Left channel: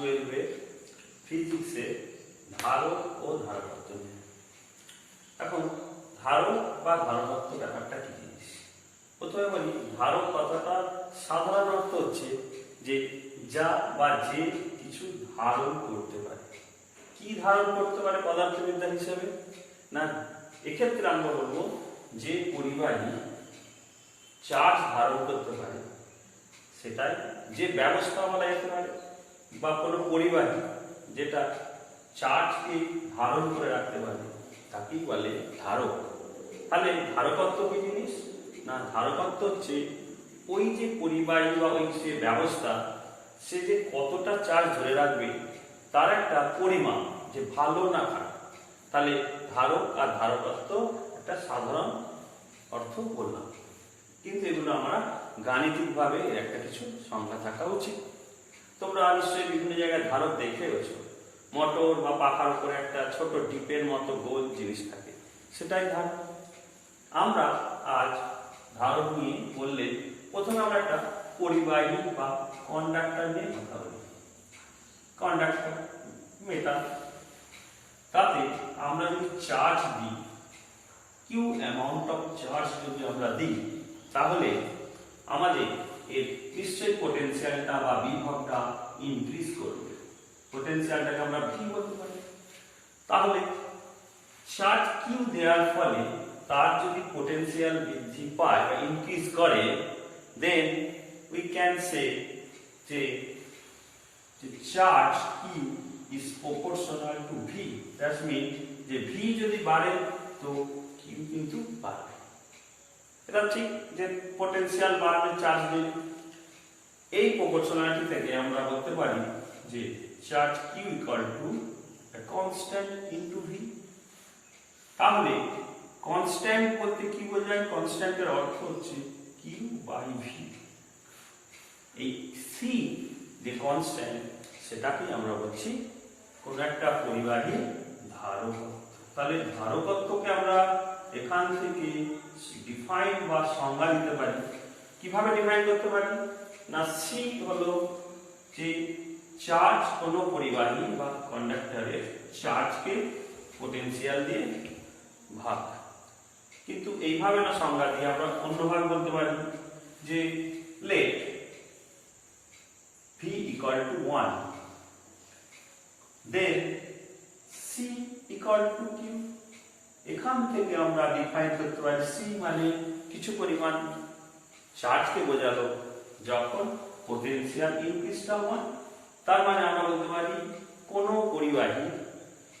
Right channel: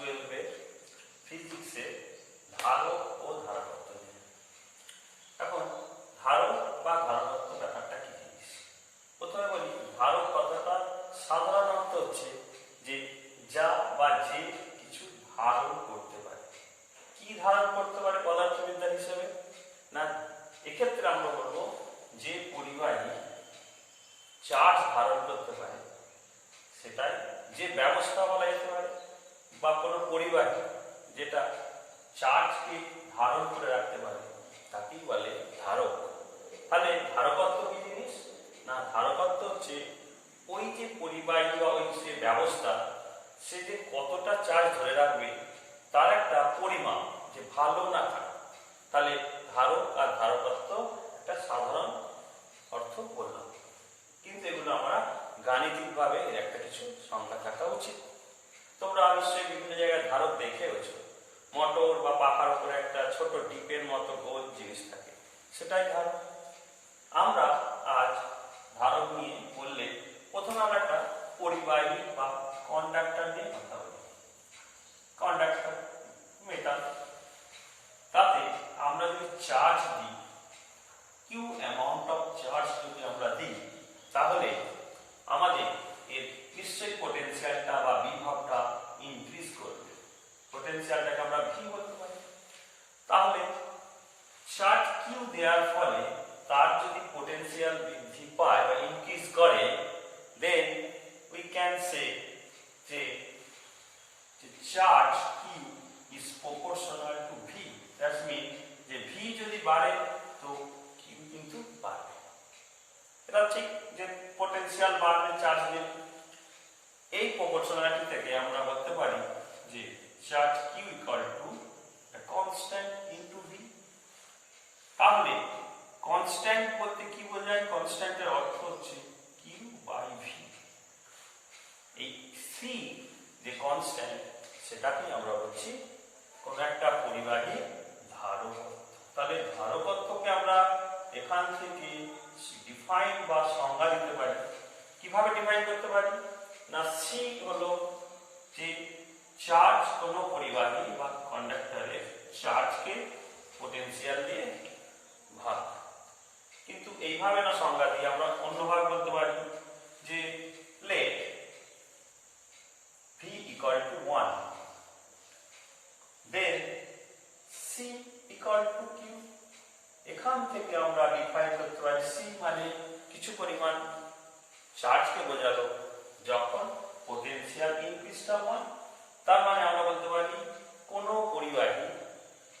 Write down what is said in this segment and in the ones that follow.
12 ফিজিক্সে ধারক ও ধারকত্ব নিয়ে। এখন ধারক বা ধারকত্ব ব্যাপারটা কি জিনিস? প্রথমে বলি, ধারক কথাটা সাধারণ অর্থ হচ্ছে যে যা বা যে কিছু ধারণ করতে পারে। কি ধারণ করতে পারে পদার্থবিদ্যা হিসেবে? না, এক্ষেত্রে আমরা বলবো যে পরিবাহী চার্জ ধারণ করতে পারে সেটাই যে ব্যবস্থা বলা যেতে পারে, বা কোনো পরিবাহী যেটা চার্জকে ধারণ করে রাখতে পারে তাকেই বলে ধারক। তাহলে ধারকত্ব কি জিনিস? না, ধারকত্ব হচ্ছে ওই যে পরিবাহী বা ওই যে ব্যবস্থা সে যে কতটা চার্জ ধরে রাখবে তার একটা পরিমাপ, যে ভালো না খারাপ। তাহলে ধারক আর ধারকত্ব একটা সাধারণ অর্থ বললাম, কিন্তু এগুলো আমরা গাণিতিকভাবে এর একটা কিছু সংজ্ঞা থাকা উচিত। তোমরা নিশ্চয়ই বিভিন্ন জায়গায় ধারক দেখে গেছো, মোটর বা পাখার উপরে একটা ছোট ডিপের মতো গোল জিনিস থাকে, সেটাই ধারক। আমরা আজ ধারক নিয়ে বললে প্রথমে আমরা একটা পরিবাহী বা কন্ডাক্টর নিয়ে কথা বলি। কন্ডাক্টর মেটাল, তাতে আমরা যদি চার্জ দিই, কিউ অ্যামাউন্ট অফ চার্জ যদি আমরা দিই, তাহলে আমাদের এর নিশ্চয়ই পোটেনশিয়ালটা বা বিভবটা ইনক্রিজ করবে। পোটেনশিয়ালটাকে আমরা ভি বলতে পারি। তাহলে চার্জ কিউ দেওয়ার ফলে তার যদি পোটেনশিয়াল বৃদ্ধি পায় বা ইনক্রিজ করে, দেন উই ক্যান সে যে charge Q is proportional to V. That's mean যে ভি যদি বাড়ে তো কিউ কিন্তু বাড়বে। এটা ঠিক যে পোটেনশিয়াল বাড়বে চার্জ দিলে। এই প্রপোর্শনালিটি থেকে আমরা বলতে পারি যে charge Q equal to constant into V. তাহলে কনস্ট্যান্ট বলতে কি বোঝায়? কনস্ট্যান্টের অর্থ হচ্ছে কিউ বাই ভি। এই সি যে কনস্ট্যান্ট, সেটাকে আমরা বলছি কোন একটা পরিবাহী ধারকত্ব। তাহলে ধারকত্বকে আমরা এখান থেকে ডিফাইন বা সংজ্ঞা দিতে পারি। কিভাবে ডিফাইন করতে পারি? না, সি হলো যে চার্জ কোন পরিবাহী বা কন্ডাক্টরের চার্জকে পোটেনশিয়াল দিয়ে ভাগ। কিন্তু এইভাবে না সংজ্ঞা দিয়ে আমরা অন্যভাবে বলতে পারি যে let V equal to 1, then C equal to Q. এখান থেকে আমরা ডিফাইন করতে পারি সি মানে কিছু পরিমাণ চার্জকে বোঝালো যখন পোটেনশিয়াল ইনক্রিজটা 1। তার মানে আমরা বলতে পারি কোন পরিবাহী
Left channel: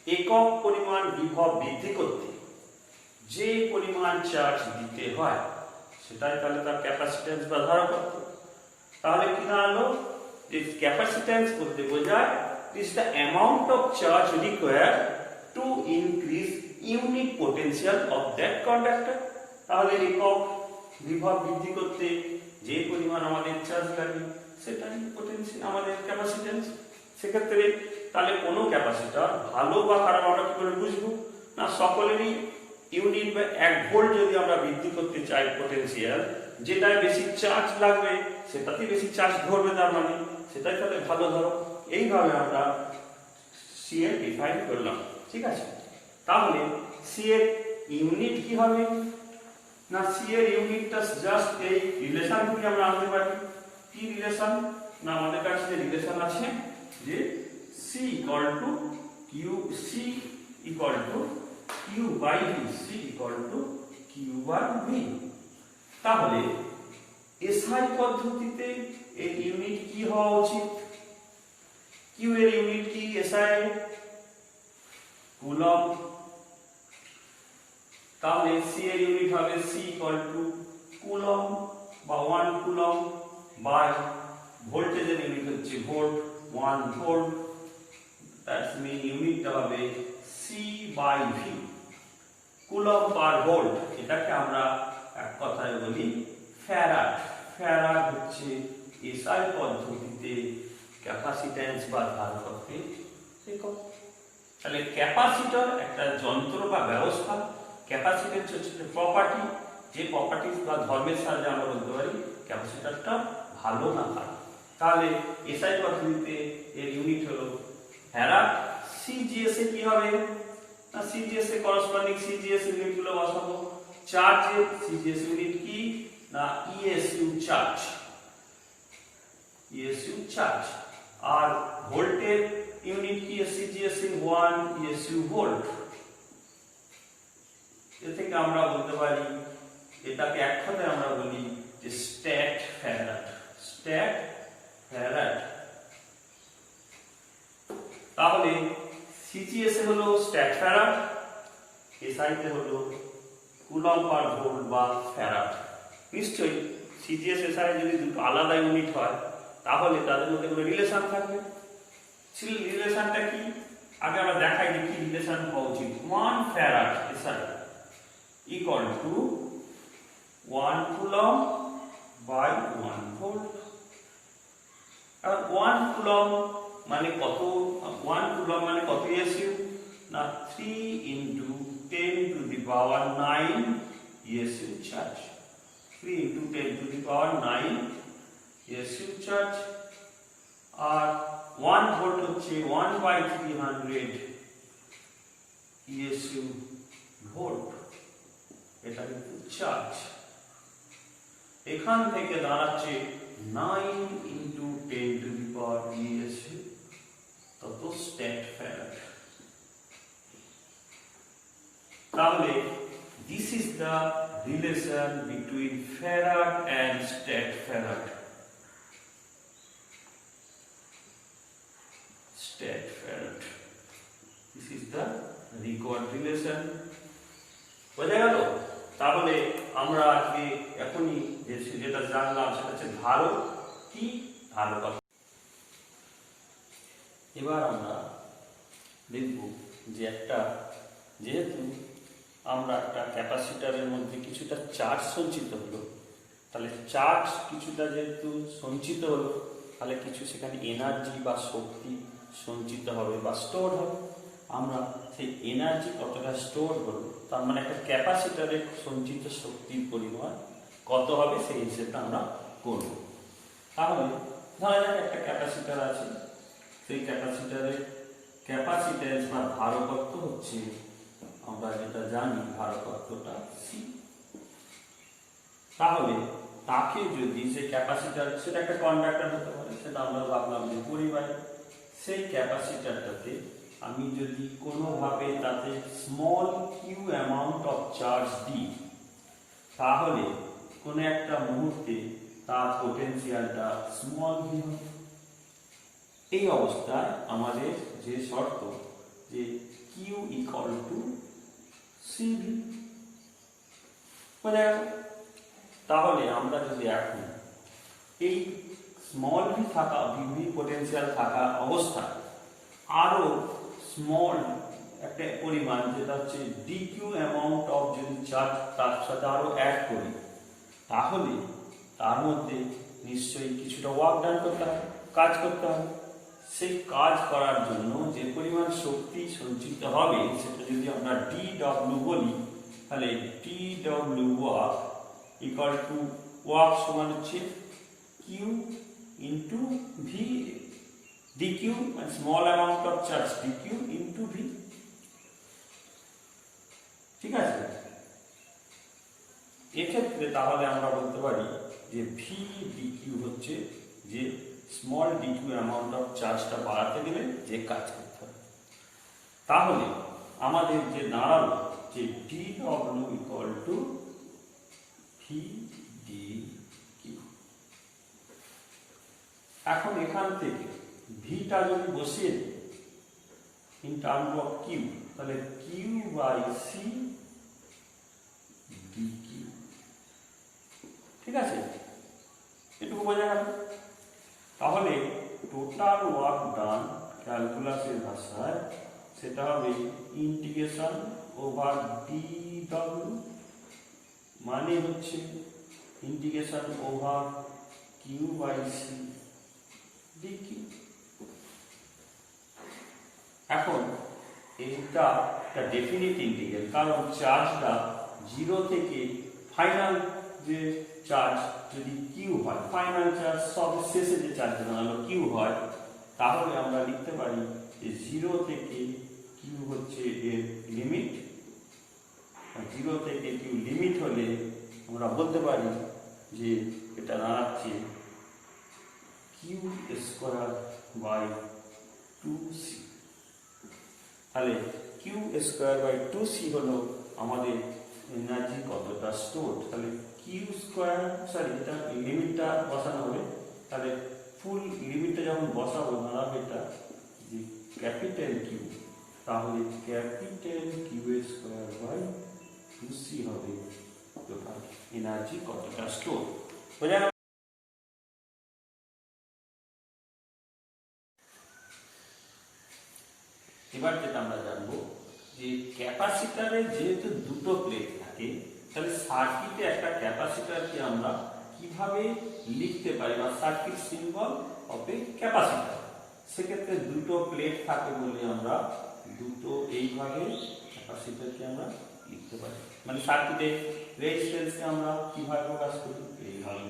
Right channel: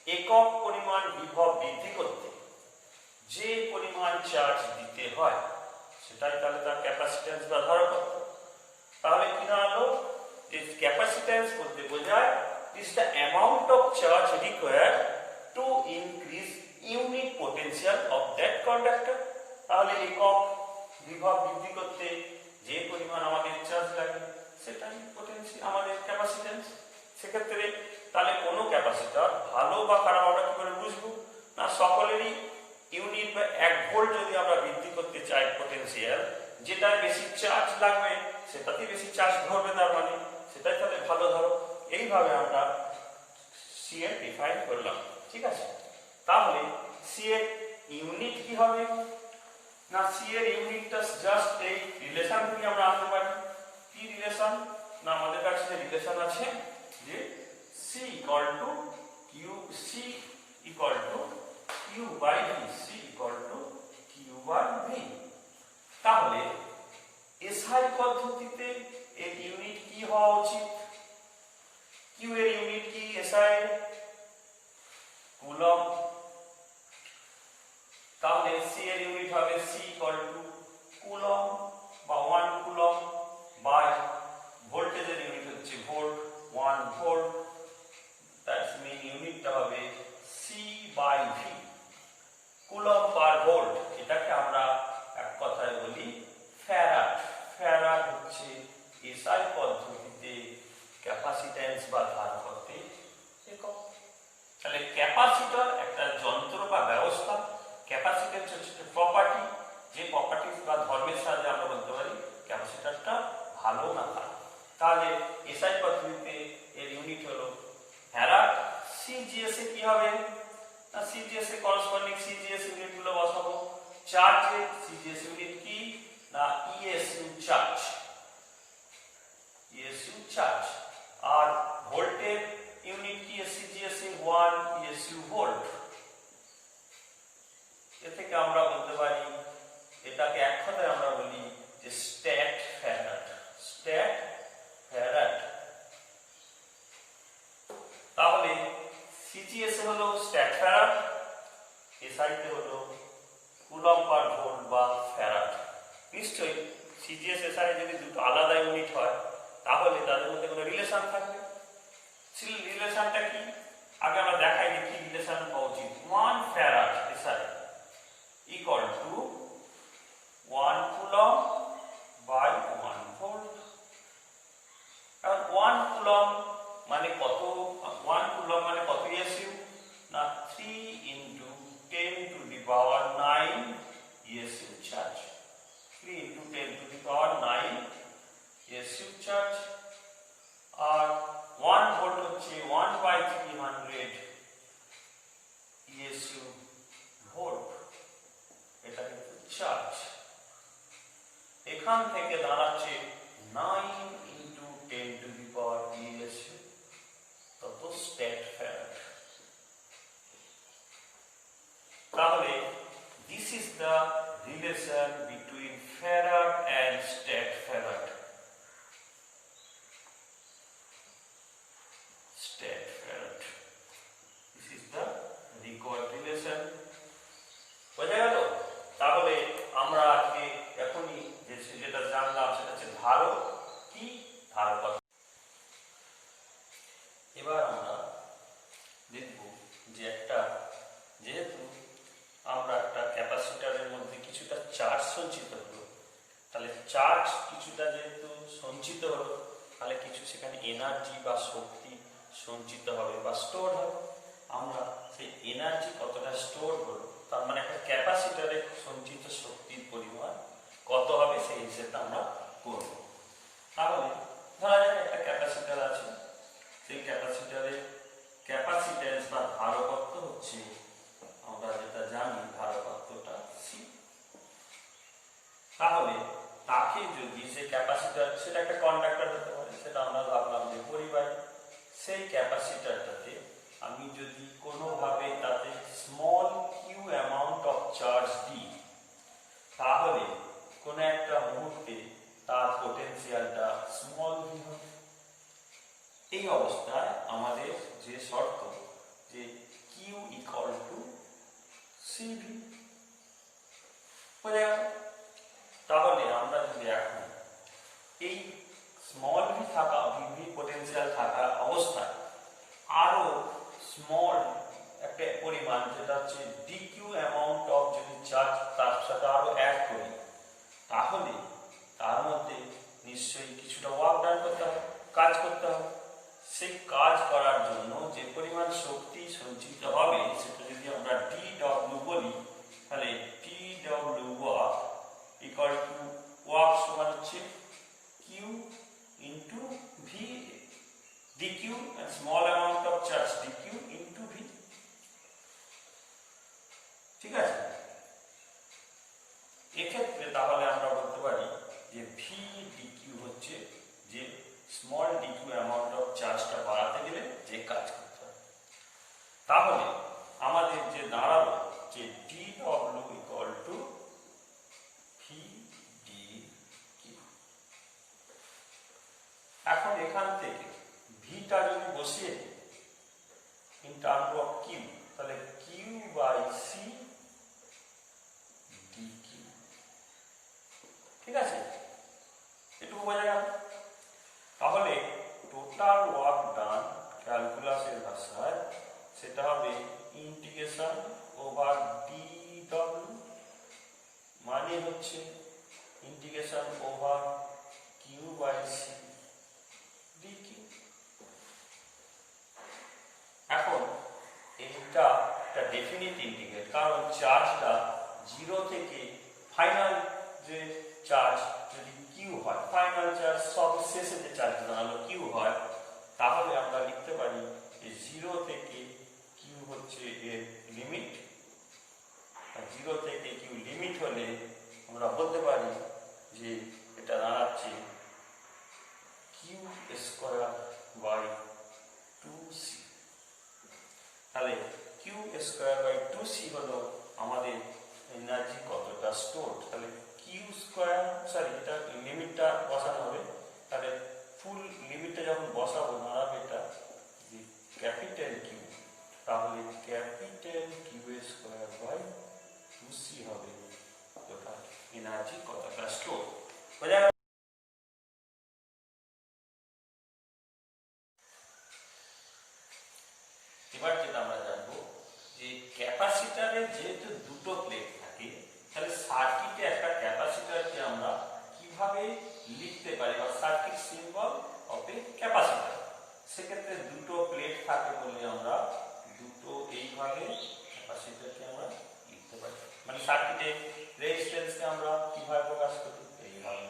একক পরিমাণ বিভব বৃদ্ধি করতে যে পরিমাণ চার্জ দিতে হয় সেটাই তাহলে তার ক্যাপাসিট্যান্স বা ধারকত্ব। তাহলে কি দাঁড়ালো? যে ক্যাপাসিট্যান্স বলতে বোঝায় is the amount of charge required to increase unit potential of that conductor. তাহলে একক বিভব বৃদ্ধি করতে যে পরিমাণ আমাদের চার্জ লাগে সেটাই পোটেনশিয়াল, আমাদের ক্যাপাসিট্যান্স। সেক্ষেত্রে তাহলে কোনো ক্যাপাসিটর ভালো বা খারাপ আমরা কি করে বুঝবো? না, সকলেরই ইউনিট বা 1 ভোল্ট যদি আমরা বৃদ্ধি করতে চাই পোটেনশিয়াল, যেটায় বেশি চার্জ লাগবে সেটাতেই বেশি চার্জ ধরবে, তার মানে সেটাই তাহলে ভালো ধারক। এইভাবে আমরা সি এর ডিফাইন করলাম, ঠিক আছে? তাহলে সি এর ইউনিট কি হবে? না, সি এর ইউনিটটা জাস্ট এই রিলেশন থেকে আমরা আনতে পারি। কি রিলেশন? না, আমাদের কাছে যে রিলেশন আছে যে C equal to Q, C equal to Q by V, C equal to Q by V. তাহলে এসআই পদ্ধতিতে এর ইউনিট কি হওয়া উচিত? কিউ এর ইউনিট কি? SI coulomb. তাহলে সি এর ইউনিট হবে সি ইকুয়াল টু কুলম বা 1 কুলম বাই ভোল্টেজের ইউনিট হচ্ছে ভোল্ট, 1 ভোল্ট। দ্যাটস মিন ইউনিটটা হবে C by V, coulomb per volt. এটাকে আমরা এক কথায় বলি ফ্যারাড। ফ্যারাড হচ্ছে এসআই পদ্ধতিতে ক্যাপাসিট্যান্স বা ধারকত্বের একক। তাহলে ক্যাপাসিটর একটা যন্ত্র বা ব্যবস্থা, ক্যাপাসিট্যান্স হচ্ছে প্রপার্টি, যে প্রপার্টিজ বা ধর্মের সাহায্যে আমরা বলতে পারি ক্যাপাসিটরটা ভালো না খারাপ। তাহলে এসআই পদ্ধতিতে এর ইউনিট হলো ফ্যারাড। সিজিএস এ কি হবে না, সিজিএস এ করসপন্ডিং সিজিএস ইউনিট গুলো বসাবো। চার্জের সিজিএস ইউনিট কি না ইএসইউ চার্জ, ইএসইউ চার্জ। আর ভোল্টের ইউনিট কি সিজিএস এ 1 ইএসইউ ভোল্ট। এ থেকে আমরা বলতে পারি, এটাকে এক কথায় আমরা বলি যে স্ট্যাট ফ্যারাড, স্ট্যাট ফ্যারাড। তাহলে সিজিএস এ হলো স্ট্যাট ফ্যারাড, এসআই তে হলো কুলম্ব পার ভোল্ট বা ফ্যারাড। নিশ্চয়ই সিজিএস এসআই যদি দুটো আলাদা ইউনিট হয় তাহলে তাদের মধ্যে কোনো রিলেশন থাকবে। রিলেশনটা কি আগে আমরা দেখাই যে কি রিলেশন হওয়া উচিত। 1 farad SI equal to 1 coulomb by 1 volt. আর 1 কুলম্ব মানে কত, 1 কুলম্ব মানে কত ইএসইউ না 3 into 10 to the power 9 ESU charge, 3 into 10 to the power 9 ESU charge. আর 1 ভোল্ট হচ্ছে 1/300 ইএসইউ ভোল্ট, এটা কিন্তু চার্জ। এখান থেকে দাঁড়াচ্ছে 9 into 10 to the power ESU, তত স্ট্যাট ফ্যারাড। তাহলে this is the relation between farad and stat farad. Stat farad. This is the required relation. বোঝা গেল? তাহলে আমরা আজকে এখনই যেটা জানলাম সেটা হচ্ছে ধারক কি, ধারকত্ব। এবার আমরা দেখব যে যেহেতু আমরা একটা ক্যাপাসিটরের মধ্যে কিছুটা চার্জ সঞ্চিত হলো, তাহলে চার্জ কিছুটা যেহেতু সঞ্চিত হলো তাহলে কিছু সেখানে এনার্জি বা শক্তি সঞ্চিত হবে বা স্টোর হবে। আমরা সেই এনার্জি কতটা স্টোর হলো তার মানে একটা ক্যাপাসিটরে সঞ্চিত শক্তির পরিমাণ কত হবে সেই হিসেবটা আমরা করব। তাহলে ধরা যাক একটা ক্যাপাসিটর আছে, সেই ক্যাপাসিটরের ক্যাপাসিট্যান্স বা ধারকত্ব হচ্ছে, আমরা যেটা জানি ধারকত্বটা সি। তাহলে তাকে যদি সেই ক্যাপাসিটর, সেটা একটা কন্ডাক্টর হতে পারে, সেটা আমরা ভাবলাম যে পরিবার, সেই ক্যাপাসিটরটাতে আমি যদি কোনোভাবে তাতে small Q amount of charge দিই তাহলে কোনো একটা মুহূর্তে তার পোটেনশিয়ালটা স্মল ভি হবে। এই অবস্থায় আমাদের যে শর্ত যে কিউ ইকুয়াল টু সিভি, তাহলে আমরা যদি এখন এই স্মল ভি থাকা ভিভি পোটেনশিয়াল থাকা অবস্থায় আরো স্মল একটা পরিমাণ যেটা হচ্ছে ডিকিউ অ্যামাউন্ট অফ যদি চার্জ তার সাথে আরো অ্যাড করি তাহলে তার মধ্যে নিশ্চয়ই কিছুটা ওয়ার্ক ডান করতে হবে, কাজ করতে হবে। সেই কাজ করার জন্য যে পরিমাণ শক্তি সঞ্চিত হবে সেটা যদি আমরা ডি ডব্লিউ বলি তাহলে D W work equal to work সমান হচ্ছে Q into V dq and small amount of charge dq into v। ঠিক আছে, এক্ষেত্রে তাহলে আমরা বলতে পারি যে v dq হচ্ছে যে স্মল dq অ্যামাউন্ট অফ চার্জটা বাড়াতে গেলে যে কাজ করতে হবে। তাহলে আমাদের যে দাঁড়ালো যে dw equal to v dq। এখন এখান থেকে ভিটা যদি বসিয়ে দিই ইন টার্ম অফ কিউ তাহলে কিউ বাই সি ডিকিউ। ঠিক আছে, এটুকু বোঝা গেল। তাহলে টোটাল ওয়ার্ক ডান ক্যালকুলাসের ভাষায় সেটা হবে ইন্টিগ্রেশন ওভার ডি ডব্লিউ মানে হচ্ছে integration over Q by C DQ. এখন এটা একটা ডেফিনিট ইন্টিগ্রাল, কারণ চার্জটা 0 থেকে ফাইনাল যে চার্জ যদি কিউ হয়, ফাইনাল চার্জ সব শেষে যে চার্জ দাঁড়ালো কিউ হয়, তাহলে আমরা লিখতে পারি যে 0 থেকে কিউ হচ্ছে এর লিমিট। 0 থেকে কিউ লিমিট হলে আমরা বলতে পারি যে এটা দাঁড়াচ্ছে কিউ স্কোয়ার বাই 2c। তাহলে কিউ স্কোয়ার বাই 2c হলো আমাদের এনার্জি কতটা স্টোর। তাহলে কিউ স্কোয়ার, সরি এটা লিমিটটা বসানো হবে, তাহলে ফুল লিমিটটা যখন বসাবো দাঁড়াবে এটা যে ক্যাপিটাল কিউ, তাহলে capital Q square by 2c হবে টোটাল এনার্জি কতটা স্টোর। বোঝা গেল? এবার যেটা আমরা জানবো যে ক্যাপাসিটারে যেহেতু দুটো প্লেট থাকে, তাহলে সার্কিটে একটা ক্যাপাসিটারকে আমরা কিভাবে লিখতে পারি, বা circuit symbol of A capacitor. সেক্ষেত্রে দুটো প্লেট থাকে বলে আমরা দুটো এইভাবে ক্যাপাসিটারকে আমরা লিখতে পারি। মানে সার্কিটে রেজিস্ট্যান্সকে আমরা কিভাবে প্রকাশ করি, এইভাবে।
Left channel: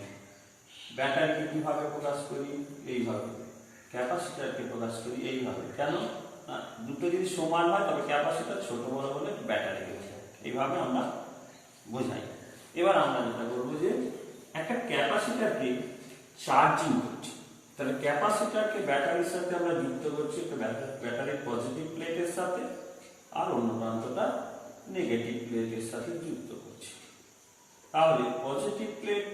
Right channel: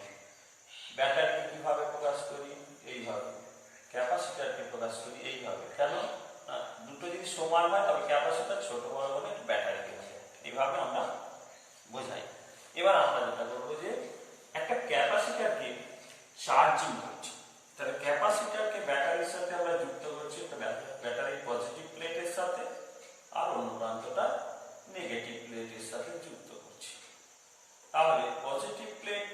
ব্যাটারিকে কিভাবে প্রকাশ করি, এইভাবে। ক্যাপাসিটারকে প্রকাশ করি এইভাবে। কেন? দুটো যদি সমান হয় তবে ক্যাপাসিটার ছোট বড় হলে ব্যাটারিকে বোঝায়, এইভাবে আমরা বোঝাই। এবার আমরা যেটা করবো যে একটা ক্যাপাসিটারকে চার্জিং করছি, তাহলে ক্যাপাসিটারকে ব্যাটারির সাথে আমরা যুক্ত করছি একটা ব্যাটারির পজিটিভ প্লেটের সাথে, আর অন্য প্রান্তটা নেগেটিভ প্লেটের সাথে যুক্ত করছি। তাহলে পজিটিভ প্লেট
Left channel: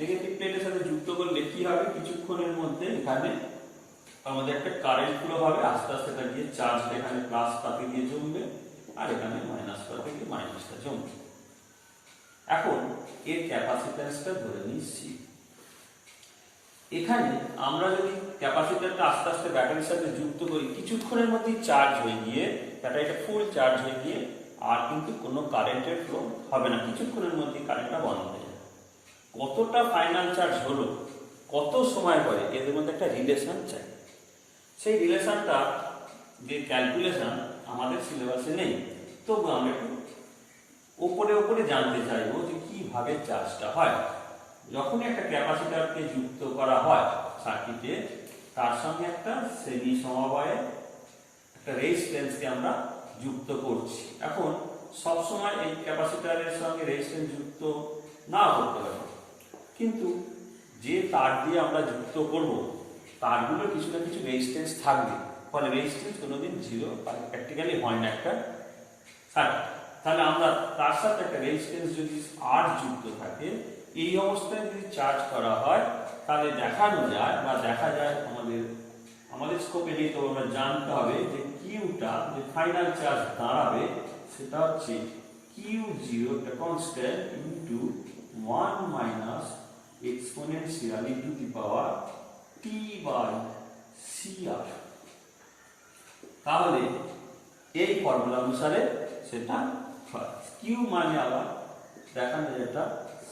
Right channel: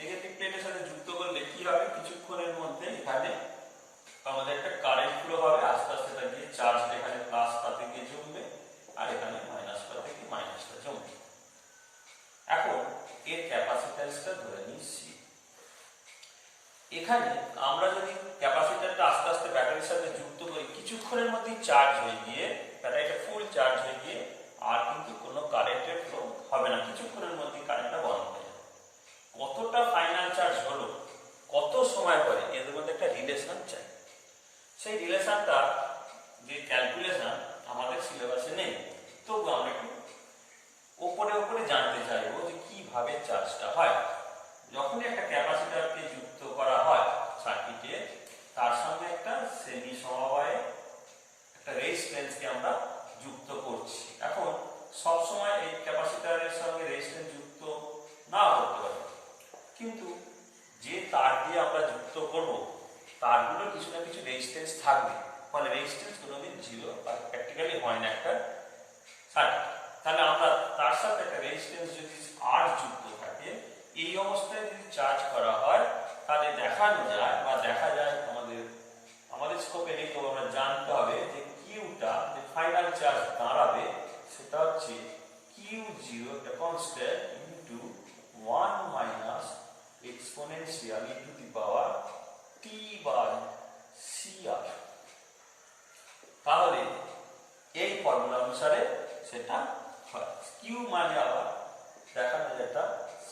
নেগেটিভ প্লেটের সাথে যুক্ত করলে কি হবে, কিছুক্ষণের মধ্যে এখানে আমাদের একটা কারেন্ট ফ্লো হবে, আস্তে আস্তে এটা গিয়ে চার্জ এখানে প্লাস তাতে গিয়ে জমবে, আর এখানে মাইনাস পাতে গিয়ে মাইনাসটা জমবে। এখন এর ক্যাপাসিট্যান্সটা ধরে নিই সি। এখানে আমরা যদি ক্যাপাসিটরটা আস্তে আস্তে ব্যাটারির সাথে যুক্ত করি, কিছুক্ষণের মধ্যেই চার্জ হয়ে গিয়ে ব্যাটারিটা ফুল চার্জ হয়ে গিয়ে আর কিন্তু কোনো কারেন্টের ফ্লো হবে না, কিছুক্ষণের মধ্যেই কারেন্টটা বন্ধ হয়ে যাবে। কতটা ফাইনাল চার্জ হলো, কত সময় পরে, এদের মধ্যে একটা রিলেশন চাই। সেই রিলেশনটা যে ক্যালকুলেশন আমাদের সিলেবাসে নেই, তবু আমরা একটু ওপরে ওপরে জানতে চাইবো যে কিভাবে চার্জটা হয়। যখনই একটা ক্যাপাসিটরকে যুক্ত করা হয় সার্কিটে, তার সঙ্গে একটা শ্রেণী সমবায়ে একটা রেজিস্ট্যান্সকে আমরা যুক্ত করছি। এখন সবসময় এই ক্যাপাসিটরের সঙ্গে রেজিস্ট্যান্স যুক্ত না করতে পারি, কিন্তু যে তার দিয়ে আমরা যুক্ত করব তারগুলো কিছু না কিছু রেজিস্ট্যান্স থাকবে, ফলে রেজিস্ট্যান্স কোনোদিন জিরো প্র্যাকটিক্যালি হয় না একটা সার্কিট। তাহলে আমরা তার সাথে একটা রেজিস্ট্যান্স যদি আর যুক্ত থাকে, এই অবস্থায় যদি চার্জ করা হয়, তাহলে দেখানো যায় বা দেখা যায় আমাদের স্কোপে নেই, তো আমরা জানতে হবে যে কিউটা যে ফাইনাল চার্জ দাঁড়াবে সেটা হচ্ছে Q zero constant into 1 minus exponential into the power T by CR. তাহলে এই ফর্মুলা অনুসারে সেটা হয়। কিউ মানে আবার দেখানো যেটা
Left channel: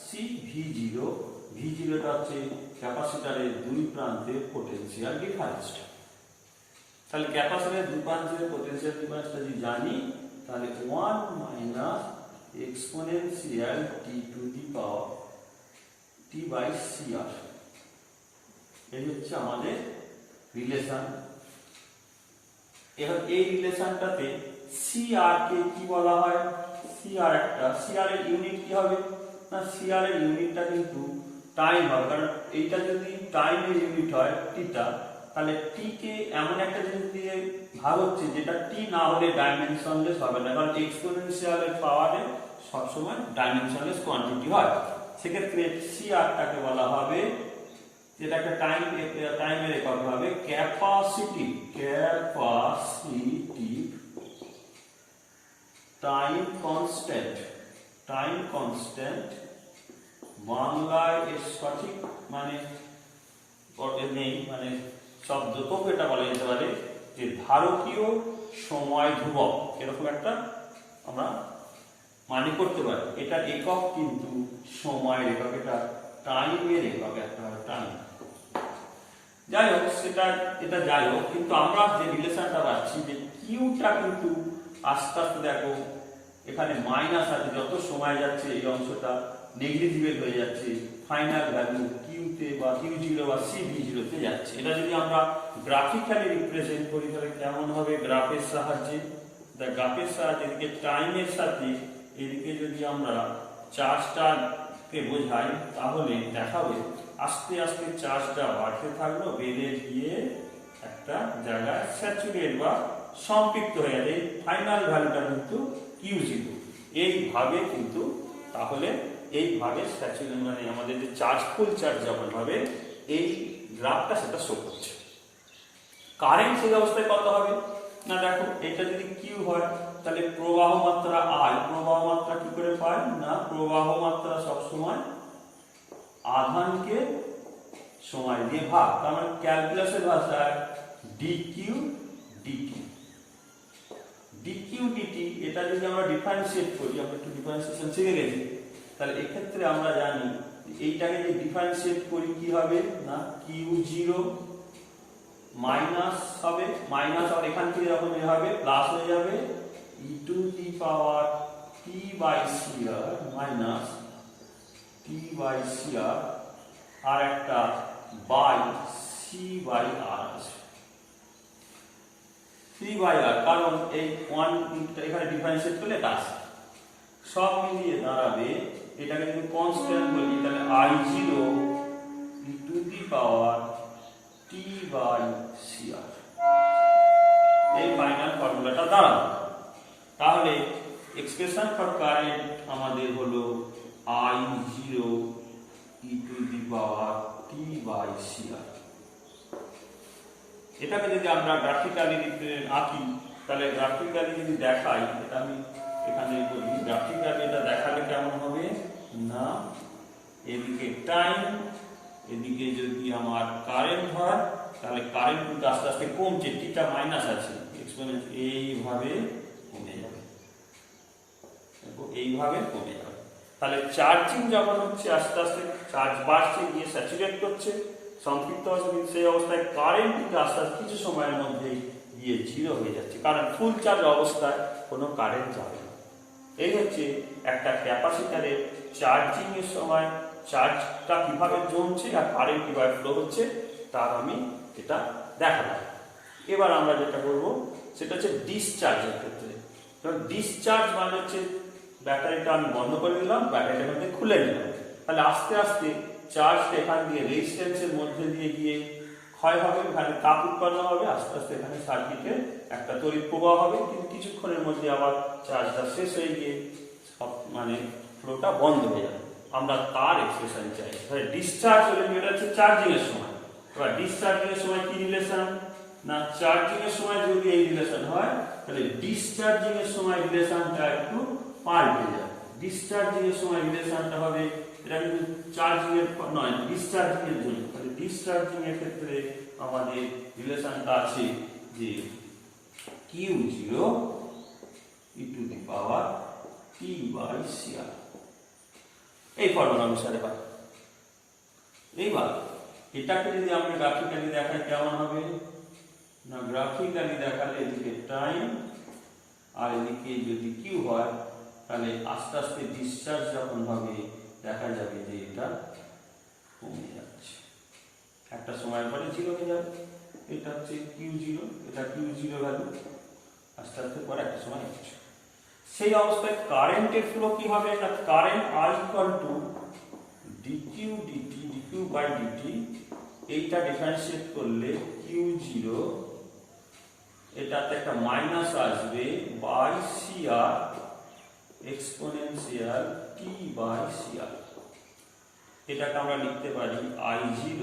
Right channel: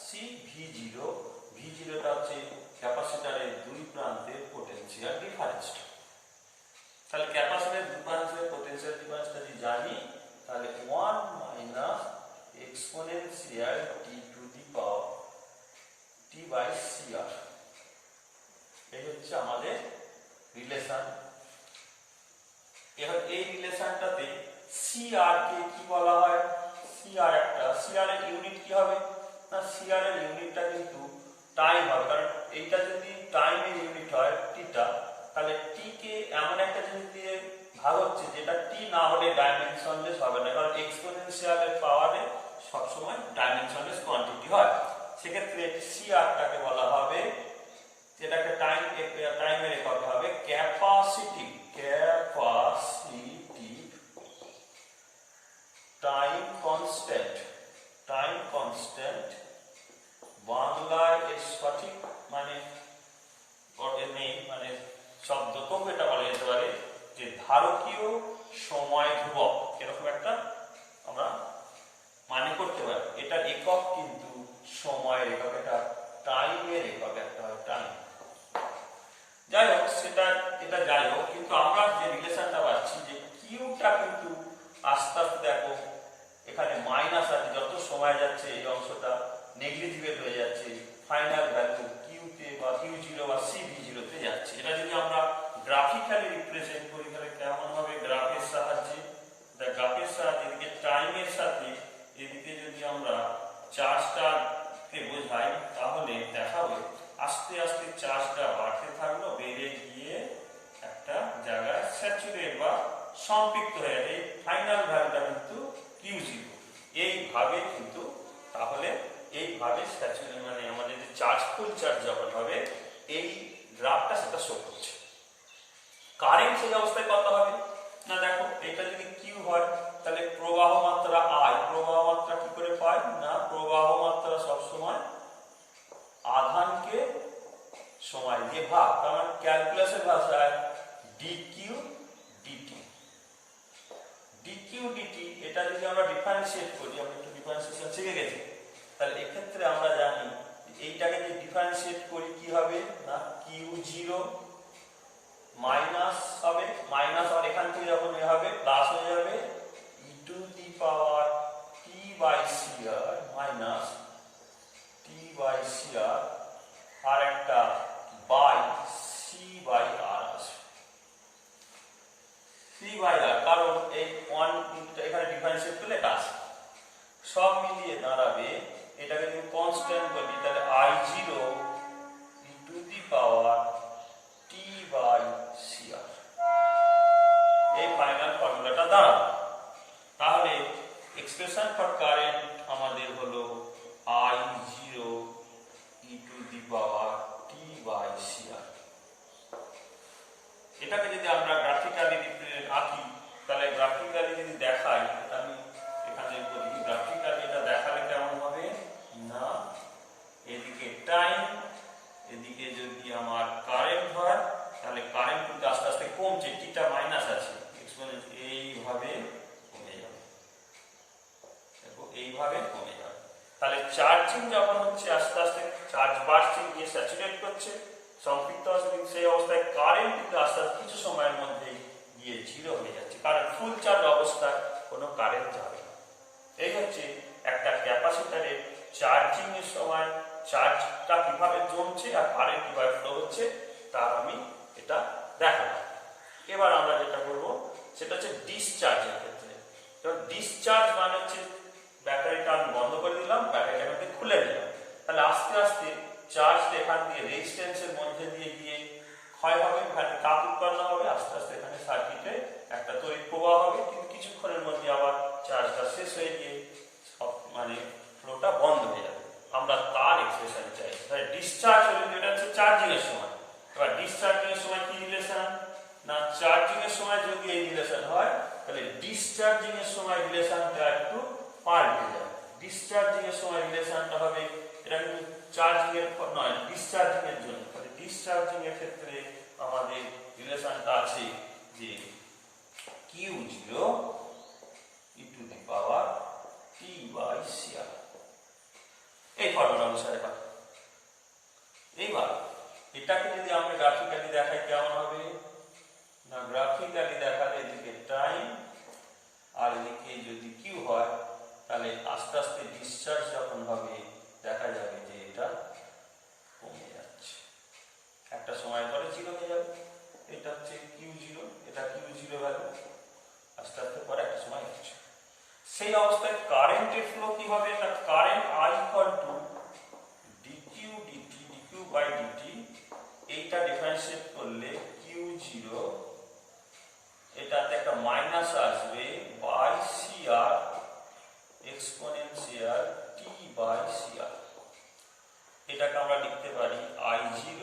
সি ভি জিরো, ভি জিরোটা হচ্ছে ক্যাপাসিটরের দুই প্রান্তের পোটেনশিয়াল ডিফারেন্সটা। তাহলে ক্যাপাসিটরের দুই প্রান্তের পোটেনশিয়াল ডিফারেন্সটা যদি জানি, তাহলে 1 minus exponential T to the power T by CR, এই হচ্ছে আমাদের রিলেশন। এবার এই রিলেশনটাতে সিআর কে কি বলা হয়, সিআর এর ইউনিট কি হবে না, সিআর এর ইউনিটটা কিন্তু টাইম হবে, কারণ এইটা যদি টাইমের ইউনিট হয় টিটা, তাহলে টি কে এমন একটা জিনিস দিয়ে ভাগ হচ্ছে যেটা টি না হলে ডাইমেনশনলেস হবে না, কারণ এক্সপোনেনশিয়াল এর পাওয়ারে সবসময় ডাইমেনশনলেস কোয়ান্টিটি হয়। সেক্ষেত্রে সিআরটাকে বলা হবে, যেটাকে টাইমের একক হবে ক্যাপাসিটিভ টাইম কনস্ট্যান্ট। বাংলায় এর সঠিক মানে নেই, মানে শব্দ, তবু এটা বলা যেতে পারে যে ধারকীয় সময় ধ্রুবক, এরকম একটা আমরা মানে করতে পারি। এটা একক কিন্তু সময়ের একক, এটা টাইমের একক একটা টাইম। যাই হোক, এটা যাই হোক, কিন্তু আমরা যে রিলেশনটা পাচ্ছি যে কিউটা কিন্তু আস্তে আস্তে দেখো এখানে মাইনাস আছে, যত সময় যাচ্ছে এই অংশটা নেগলিজিবল হয়ে যাচ্ছে, ফাইনাল ভ্যালু কিউতে বা কিউ0 বা সিভি0তে যাচ্ছে। এটা যদি আমরা গ্রাফিক্যালি রিপ্রেজেন্ট করি তাহলে কেমন হবে? গ্রাফের সাহায্যে, গ্রাফের সাহায্যে এদিকে টাইমের সাথে এদিকে যদি আমরা চার্জটাকে বোঝাই তাহলে দেখাবে আস্তে আস্তে চার্জটা বাড়তে থাকলো, বেড়ে গিয়ে একটা জায়গায় স্যাচুরেট বা সম্পৃক্ত হয়ে যাবে। এই ফাইনাল ভ্যালুটা কিন্তু কিউ0। এইভাবে কিন্তু তাহলে এইভাবে স্যাচুরেট মানে আমাদের যে চার্জ ফুল চার্জ যখন হবে এই গ্রাফটা সেটা শো করছে। কারেন্ট সেই অবস্থায় কত হবে না, দেখো এটা যদি কিউ হয় তাহলে প্রবাহ মাত্রা আই, প্রবাহ মাত্রা কি করে পাই না, প্রবাহ মাত্রা সবসময় আধানকে সময় দিয়ে ভাগ, তার মানে ক্যালকুলাসের ভাষায় ডিকিউ ডিটি। ডিকিউ ডিটি এটা যদি আমরা ডিফারেন্সিয়েট করি, আমরা একটু ডিফারেন্সিয়েশন শিখে গেছি, তাহলে এক্ষেত্রে আমরা জানি এইটাকে যে ডিফারেন্সিয়েট করি কি হবে না, কিউ0 মাইনাস হবে, মাইনাস আর এখান থেকে যখন এ হবে প্লাস হয়ে যাবে e to the power T by C R minus t by C R, আর একটা বাই সি বাই আর আসবে, সি বাই আর, কারণ এই ওয়ান এখানে ডিফারেন্সিয়েট করলে এটা আসবে, সব মিলিয়ে দাঁড়াবে এটাকে যদি কনস্ট্যান্ট বলি তাহলে I0 e to the power T by C R, এই ফাইনাল ফর্মুলাটা দাঁড়াবে। তাহলে এক্সপ্রেশন ফর কারেন্ট আমাদের হলো I0 e to the power T by C R. এটাকে যদি আমরা গ্রাফিক্যালি আঁকি তাহলে গ্রাফিক্যালি যদি দেখাই, এটা আমি এখানে বলি গ্রাফিক্যালি এটা দেখালে কেমন হবে না, এদিকে টাইম, এদিকে যদি আমার কারেন্ট হয় তাহলে কারেন্ট কিন্তু আস্তে আস্তে কমছে, টিটা মাইনাস আছে, এক্সপোনেন্ট এইভাবে কমে যাবে, এইভাবে কমে যাবে। তাহলে চার্জিং যখন হচ্ছে আস্তে আস্তে চার্জ বাড়ছে গিয়ে স্যাচুরেট করছে, সম্পৃক্ত হচ্ছে, সেই অবস্থায় কারেন্ট কিন্তু আস্তে আস্তে কিছু সময়ের মধ্যেই গিয়ে 0 হয়ে যাচ্ছে, কারণ ফুল চার্জ অবস্থায় কোনো কারেন্ট যাবে না। এই হচ্ছে একটা ক্যাপাসিটরের চার্জিং এর সময় চার্জটা কিভাবে জমছে আর কারেন্ট কিভাবে ফ্লো হচ্ছে তার আমি এটা দেখালাম। এবার আমরা যেটা করব সেটা হচ্ছে ডিসচার্জের ক্ষেত্রে। ডিসচার্জ মানে হচ্ছে ব্যাটারিটা আমি বন্ধ করে দিলাম, ব্যাটারিটা মধ্যে খুলে নিলাম, তাহলে আস্তে আস্তে চার্জটা এখান দিয়ে রেজিস্ট্যান্সের মধ্যে দিয়ে গিয়ে ক্ষয় হবে, এখানে তাপ উৎপন্ন হবে, আস্তে আস্তে এখানে সার্কিটে একটা তড়িৎ প্রবাহ হবে, কিন্তু কিছুক্ষণের মধ্যে আবার চার্জটা শেষ হয়ে গিয়ে মানে ফ্লোটা বন্ধ হয়ে যাবে। আমরা তার এক্সপ্রেশন চাই। তাহলে ডিসচার্জ হলে এটা হচ্ছে চার্জিং এর সময়। এবার ডিসচার্জিং এর সময় কি রিলেশন না, চার্জিং এর সময় যদি এই রিলেশন হয় তাহলে ডিসচার্জিং এর সময় রিলেশনটা একটু পাল্টে যায়। ডিসচার্জিং এর সময় রিলেশনটা হবে, এটা কিন্তু চার্জিং এর নয়, ডিসচার্জিং এর জন্য। তাহলে ডিসচার্জিং এর ক্ষেত্রে আমাদের রিলেশনটা আছে যে কিউ0 e to the power T by C R, এই ফর্মুলা অনুসারে পাই। এইবার এটাকে যদি আমি গ্রাফিক্যালি দেখাই কেমন হবে না, গ্রাফিক্যালি দেখালে এদিকে টাইম আর এদিকে যদি কিউ হয় তাহলে আস্তে আস্তে ডিসচার্জ যখন হবে দেখা যাবে যে এটা কমে যাচ্ছে, একটা সময়ের পরে 0 হয়ে যাবে। এটা হচ্ছে কিউ0, এটা কিউ0 ভ্যালু, আস্তে আস্তে পরে একটা সময় হচ্ছে। সেই অবস্থায় কারেন্টের ফ্লো কি হবে না, current I equal to dQ dt, dQ by dt, এইটা ডিফারেন্সিয়েট করলে কিউ0 এটাতে একটা মাইনাস আসবে by C R exponential t by C R. এটাকে আমরা লিখতে পারি I0,